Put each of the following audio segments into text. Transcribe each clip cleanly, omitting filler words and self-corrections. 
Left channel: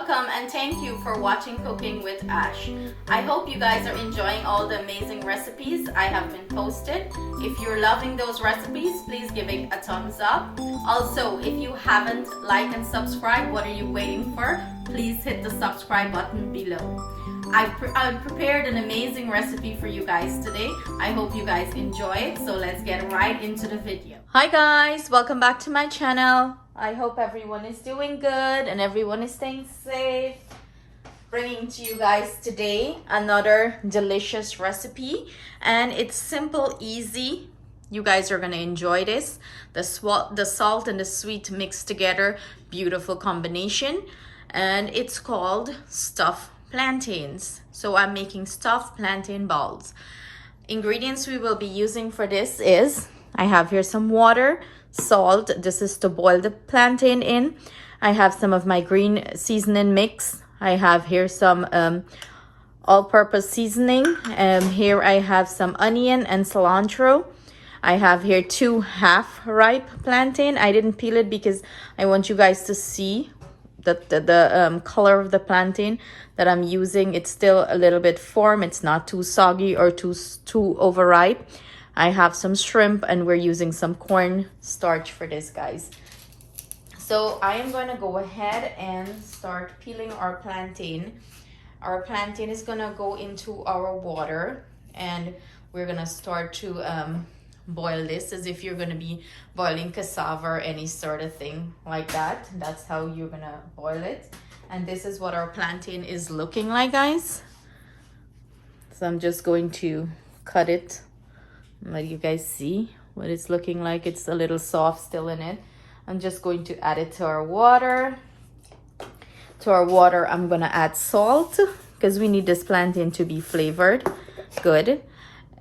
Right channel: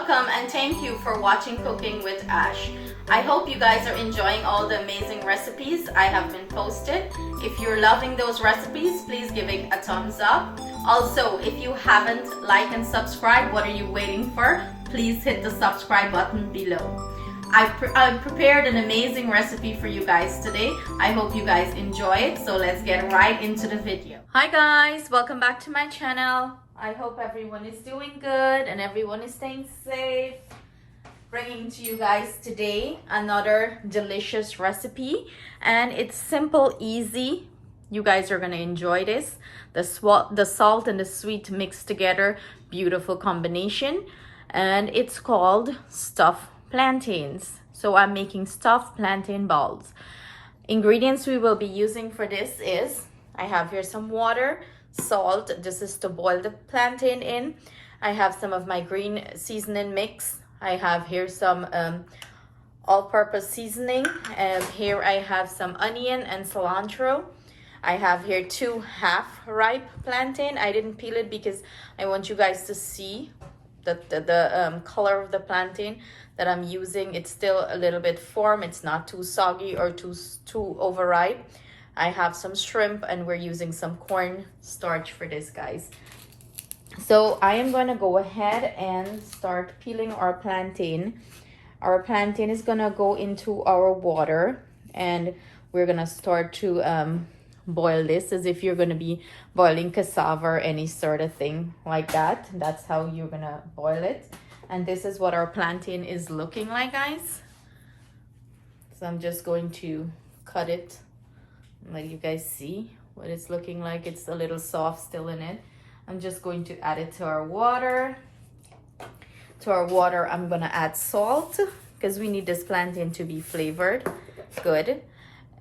welcome and thank you for watching Cooking with Ash. I hope you guys are enjoying all the amazing recipes I have been posted. If you're loving those recipes, please give it a thumbs up. Also, if you haven't liked and subscribed, what are you waiting for? Please hit the subscribe button below. I've prepared an amazing recipe for you guys today. I hope you guys enjoy it, so let's get right into the video. Hi guys, welcome back to my channel. I hope everyone is doing good and everyone is staying safe. Bringing to you guys today another delicious recipe, and it's simple, easy. You guys are gonna enjoy this. The salt and the sweet mixed together, beautiful combination, and it's called stuffed plantains. So I'm making stuffed plantain balls. Ingredients we will be using for this is, I have here some water, salt, this is to boil the plantain in. I have some of my green seasoning mix. I have here some all-purpose seasoning. Here I have some onion and cilantro. I have here 2 half-ripe plantain. I didn't peel it because I want you guys to see the color of the plantain that I'm using. It's still a little bit firm. It's not too soggy or too overripe. I have some shrimp, and we're using some corn starch for this, guys. So I am going to go ahead and start peeling our plantain. Our plantain is going to go into our water, and we're going to start to boil this as if you're going to be boiling cassava or any sort of thing like that. That's how you're going to boil it. And this is what our plantain is looking like, guys. So I'm just going to cut it, let you guys see what it's looking like. It's a little soft still in it. I'm just going to add it to our water. To our water, I'm going to add salt because we need this plantain to be flavored good.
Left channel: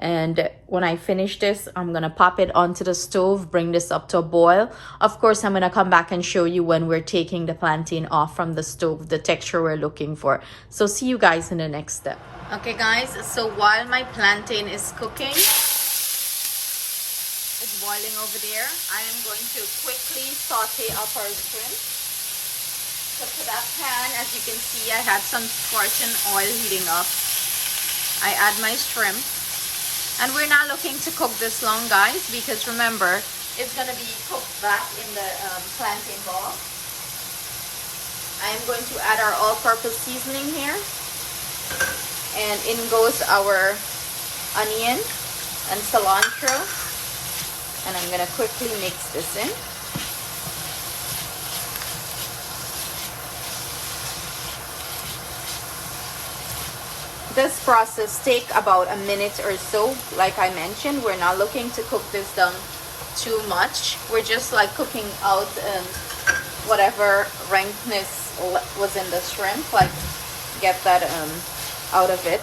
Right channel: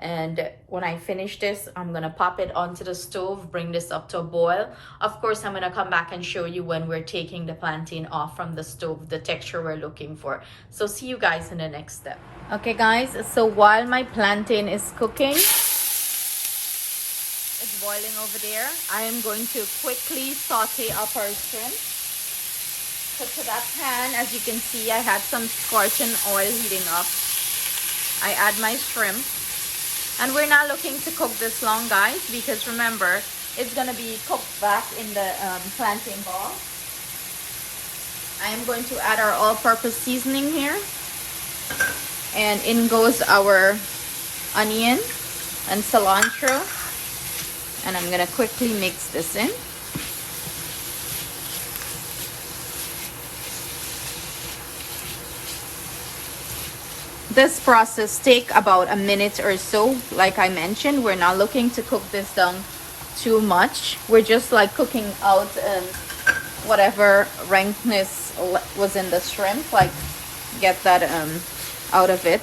And when I finish this, I'm gonna pop it onto the stove, bring this up to a boil. Of course, I'm gonna come back and show you when we're taking the plantain off from the stove, the texture we're looking for. So see you guys in the next step. Okay guys, so while my plantain is cooking, it's boiling over there, I am going to quickly saute up our shrimp. So to that pan, as you can see, I had some scorching oil heating up. I add my shrimp. And we're not looking to cook this long, guys, because remember, it's gonna be cooked back in the plantain ball. I am going to add our all-purpose seasoning here. And in goes our onion and cilantro. And I'm gonna quickly mix this in. This process takes about a minute or so. Like I mentioned, we're not looking to cook this down too much. We're just like cooking out whatever rankness was in the shrimp, like get that out of it.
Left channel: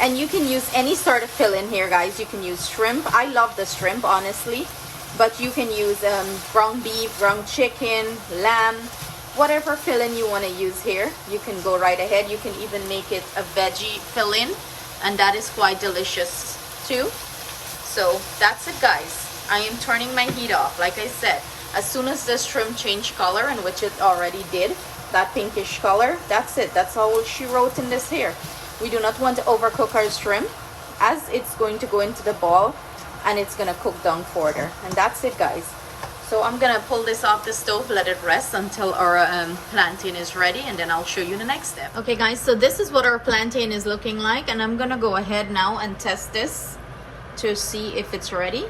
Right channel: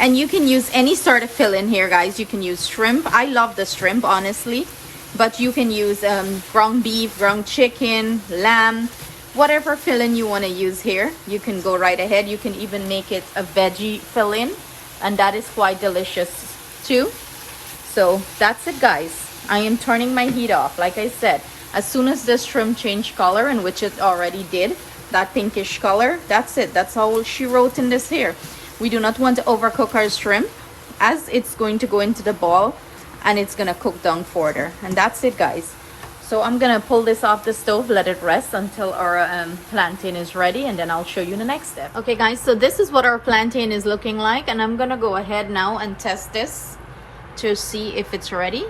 And you can use any sort of filling here, guys. You can use shrimp. I love the shrimp, honestly, but you can use ground beef, ground chicken, lamb, whatever filling you want to use here, you can go right ahead. You can even make it a veggie filling, and that is quite delicious too. So that's it, guys. I am turning my heat off. Like I said, as soon as the shrimp changed color, and which it already did, that pinkish color, that's it. That's all she wrote in this here. We do not want to overcook our shrimp, as it's going to go into the ball and it's gonna cook down further. And that's it, guys. So I'm gonna pull this off the stove, let it rest until our plantain is ready, and then I'll show you the next step. Okay guys, so this is what our plantain is looking like, and I'm gonna go ahead now and test this to see if it's ready.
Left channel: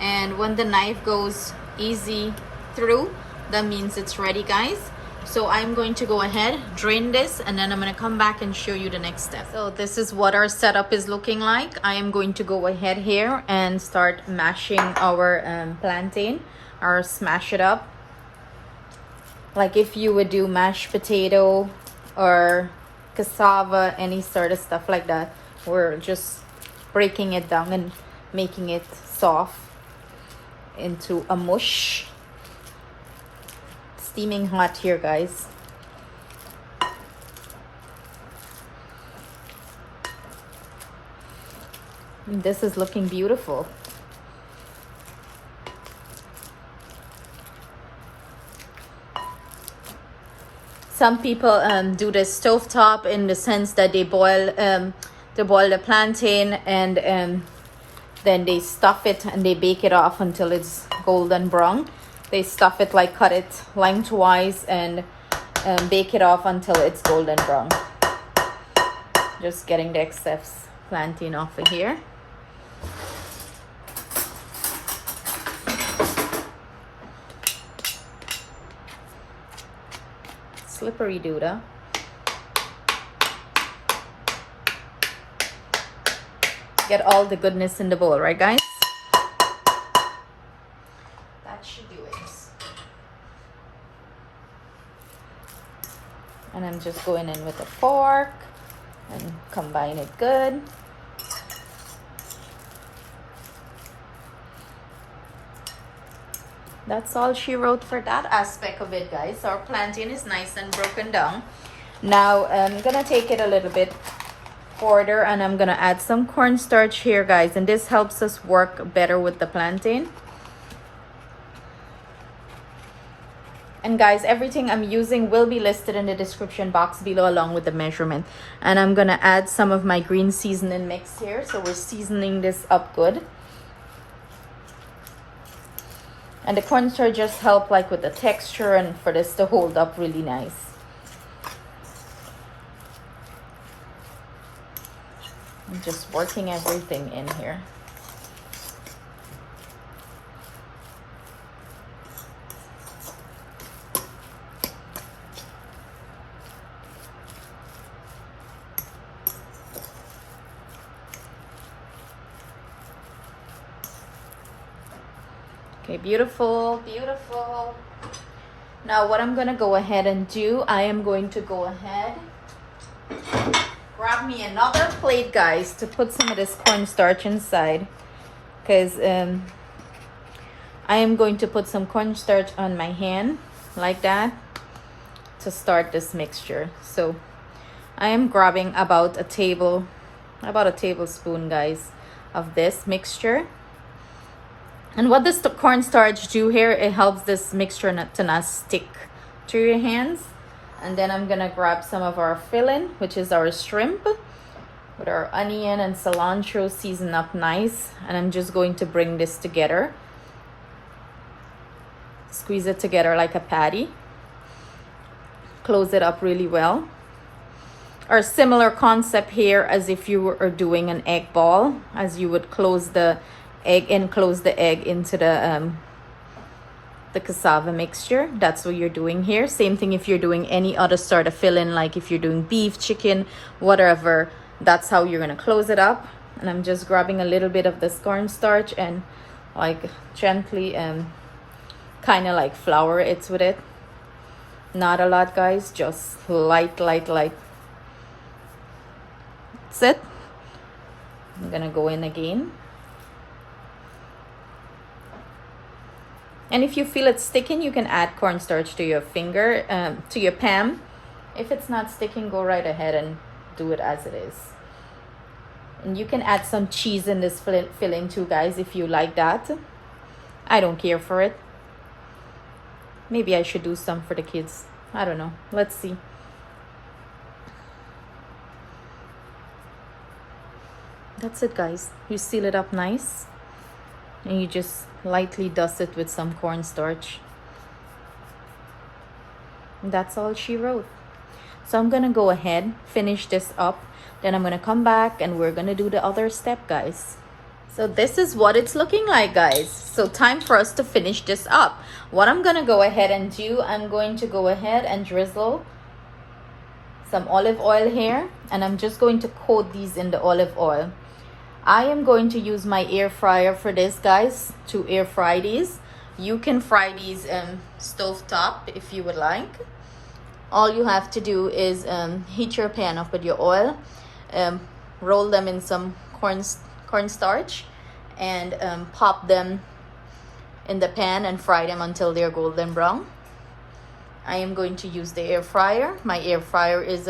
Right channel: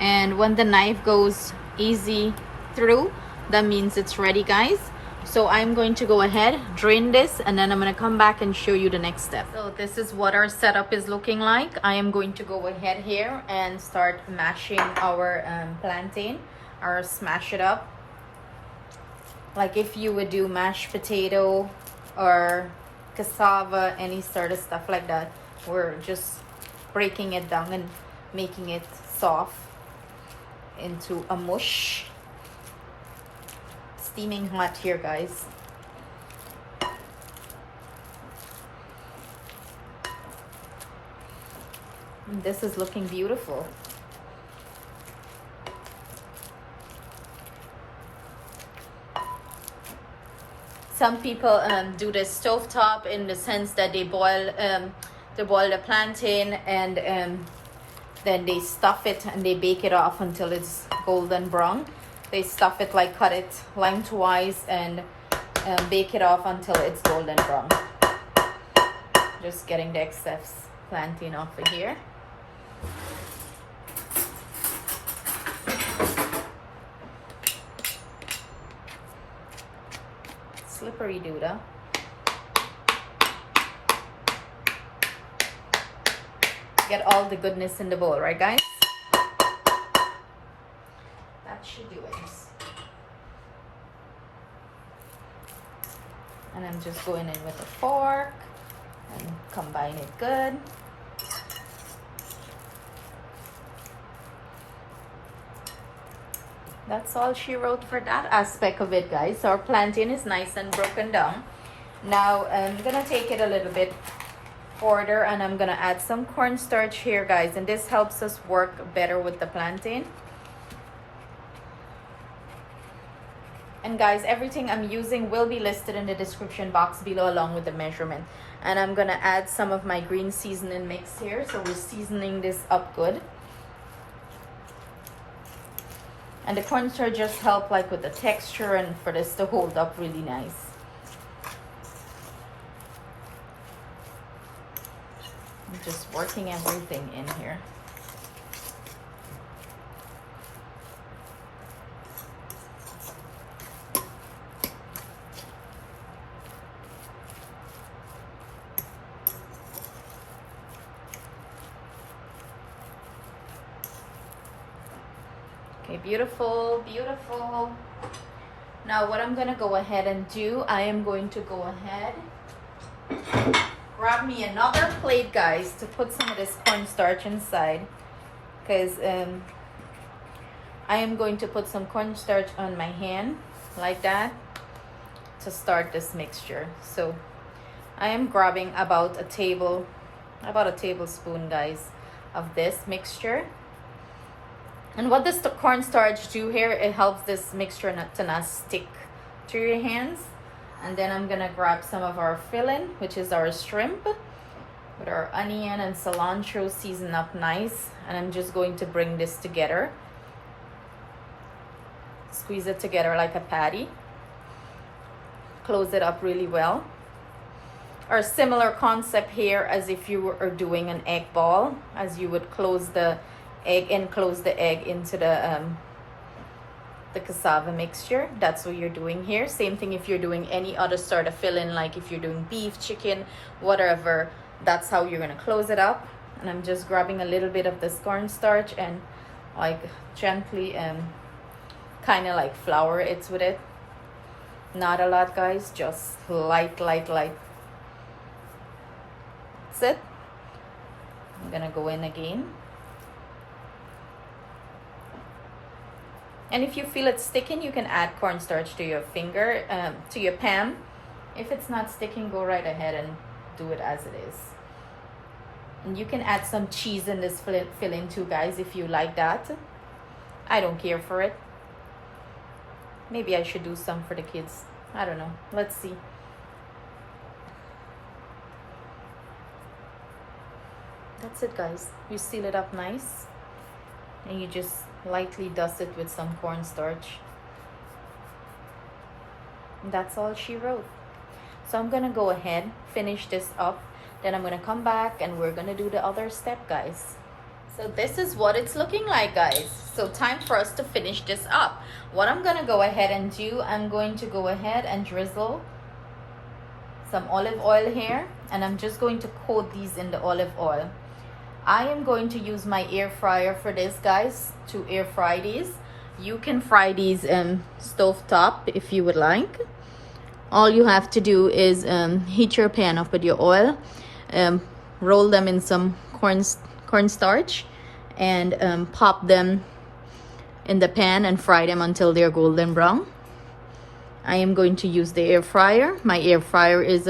And when the knife goes easy through, that means it's ready, guys. So I'm going to go ahead, drain this, and then I'm going to come back and show you the next step. So this is what our setup is looking like. I am going to go ahead here and start mashing our plantain, or smash it up. Like if you would do mashed potato or cassava, any sort of stuff like that. We're just breaking it down and making it soft into a mush. Steaming hot here, guys. And this is looking beautiful. Some people do the stovetop in the sense that they boil the plantain, and then they stuff it and they bake it off until it's golden brown. They stuff it, like cut it lengthwise and bake it off until it's golden brown. Just getting the excess plantain off of here. Slippery duda. Get all the goodness in the bowl, right guys? That should do it. And I'm just going in with a fork and combine it good. That's all she wrote for that aspect of it, guys. So our plantain is nice and broken down. Now I'm gonna take it a little bit further and I'm gonna add some cornstarch here, guys, and this helps us work better with the plantain. And guys, everything I'm using will be listed in the description box below along with the measurement. And I'm gonna add some of my green seasoning mix here, so we're seasoning this up good. And the cornstarch just help like with the texture and for this to hold up really nice. I'm just working everything in here. Okay, beautiful, beautiful. Now what I'm gonna go ahead and do, I am going to go ahead, grab me another plate, guys, to put some of this cornstarch inside, because I am going to put some cornstarch on my hand like that to start this mixture. So I am grabbing about a tablespoon, guys, of this mixture. And what does the cornstarch do here? It helps this mixture not to stick to your hands. And then I'm gonna grab some of our filling, which is our shrimp, with our onion and cilantro seasoned up nice. And I'm just going to bring this together. Squeeze it together like a patty. Close it up really well. Or similar concept here as if you were doing an egg ball, as you would close the egg and close the egg into the cassava mixture. That's what you're doing here. Same thing if you're doing any other sort of filling, like if you're doing beef, chicken, whatever, that's how you're gonna close it up. And I'm just grabbing a little bit of this cornstarch and like gently kind of like flour it with it. Not a lot, guys, just light. That's it. I'm gonna go in again. And if you feel it sticking, you can add cornstarch to your finger, to your pan. If it's not sticking, go right ahead and do it as it is. And you can add some cheese in this filling too, guys, if you like that. I don't care for it. Maybe I should do some for the kids. I don't know. Let's see. That's it, guys. You seal it up nice. And you just lightly dust it with some cornstarch. That's all she wrote. So I'm gonna go ahead, finish this up, then I'm gonna come back and we're gonna do the other step, guys. So this is what it's looking like, guys. So time for us to finish this up. What I'm gonna go ahead and do, I'm going to go ahead and drizzle some olive oil here, and I'm just going to coat these in the olive oil. I am going to use my air fryer for this, guys, to air fry these. You can fry these in stovetop if you would like. All you have to do is heat your pan up with your oil, roll them in some cornstarch, and pop them in the pan and fry them until they're golden brown. I am going to use the air fryer. My air fryer is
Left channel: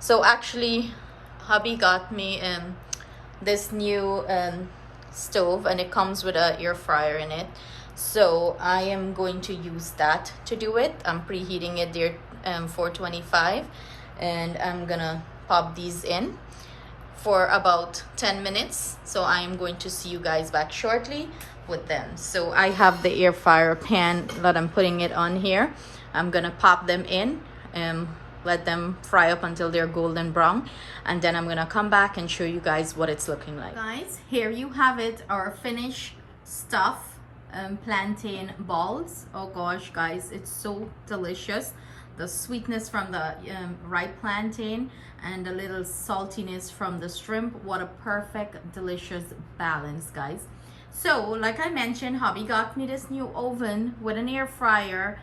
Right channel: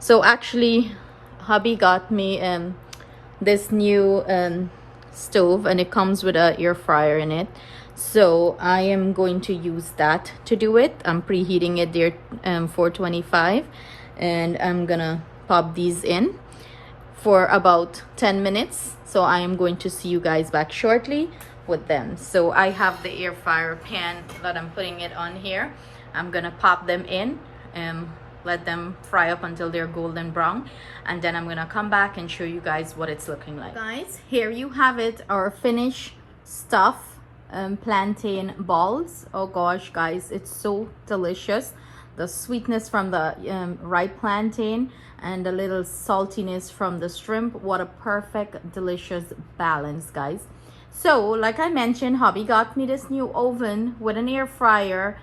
so actually hubby got me this new stove, and it comes with an air fryer in it. So I am going to use that to do it. I'm preheating it there 425, and I'm gonna pop these in for about 10 minutes. So I am going to see you guys back shortly with them. So I have the air fryer pan that I'm putting it on here. I'm gonna pop them in and let them fry up until they're golden brown, and then I'm gonna come back and show you guys what it's looking like. Guys, here you have it, our finished stuff plantain balls. Oh gosh guys, it's so delicious. The sweetness from the ripe plantain and the little saltiness from the shrimp. What a perfect delicious balance, guys. So like I mentioned, hubby got me this new oven with an air fryer.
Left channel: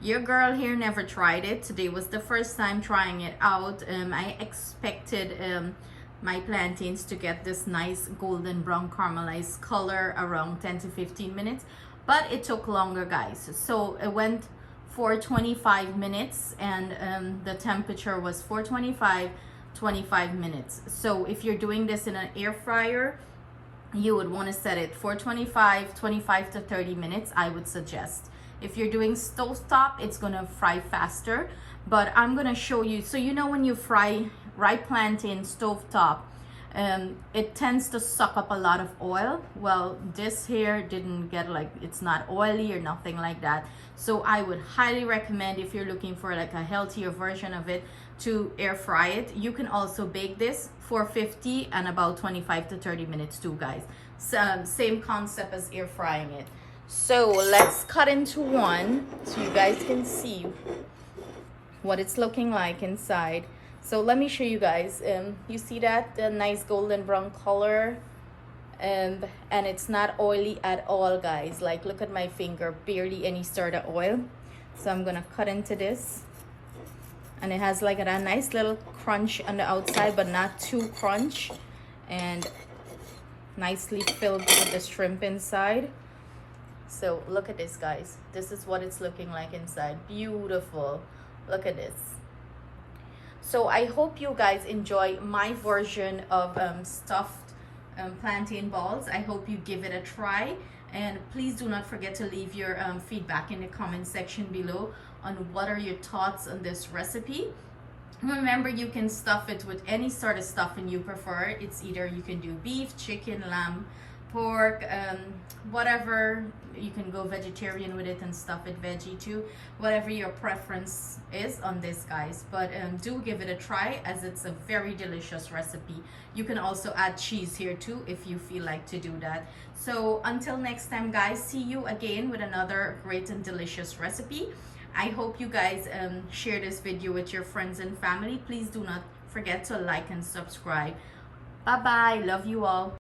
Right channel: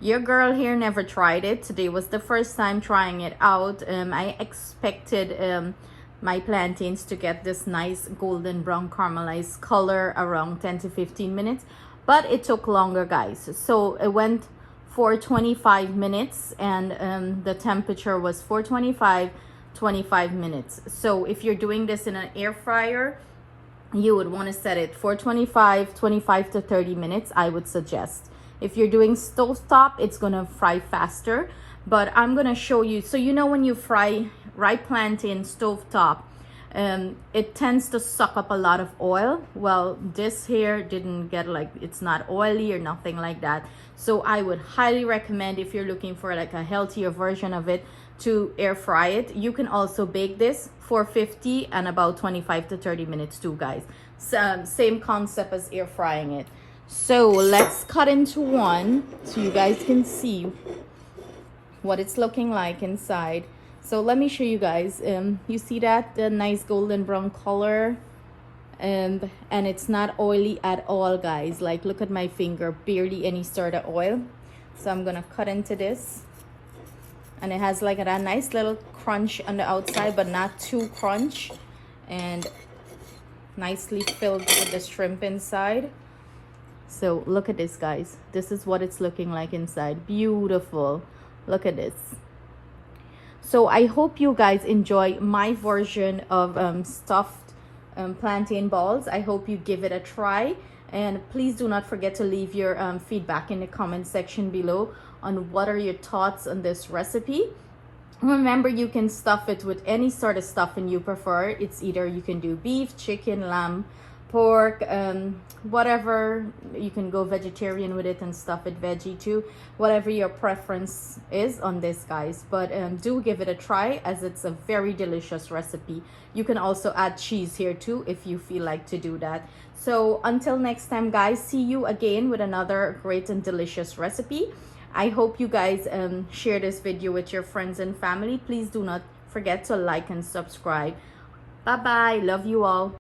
Your girl here never tried it. Today was the first time trying it out. I expected my plantains to get this nice golden brown caramelized color around 10 to 15 minutes, but it took longer, guys. So it went for 25 minutes, and the temperature was 25 minutes. So if you're doing this in an air fryer, you would want to set it for 25 to 30 minutes, I would suggest. If you're doing stovetop, it's gonna fry faster, but I'm gonna show you. So you know, when you fry ripe plantain stovetop, it tends to suck up a lot of oil. Well, this here didn't get, like, it's not oily or nothing like that. So I would highly recommend, if you're looking for like a healthier version of it, to air fry it. You can also bake this for 50 and about 25 to 30 minutes too, guys. Same concept as air frying it. So let's cut into one so you guys can see what it's looking like inside. So let me show you guys. You see that, the nice golden brown color, and it's not oily at all, guys. Like, look at my finger, barely any sort of oil. So I'm gonna cut into this, and it has like a nice little crunch on the outside, but not too crunch, and nicely filled with the shrimp inside. So look at this, guys. This is what it's looking like inside. Beautiful. Look at this. So I hope you guys enjoy my version of stuffed plantain balls. I hope you give it a try, and please do not forget to leave your feedback in the comment section below on what are your thoughts on this recipe. Remember, you can stuff it with any sort of stuffing you prefer. It's either you can do beef, chicken, lamb, pork, whatever. You can go vegetarian with it and stuff it veggie too, whatever your preference is on this, guys. But do give it a try, as it's a very delicious recipe. You can also add cheese here too if you feel like to do that. So until next time, guys, see you again with another great and delicious recipe. I hope you guys share this video with your friends and family. Please do not forget to like and subscribe. Bye bye. Love you all.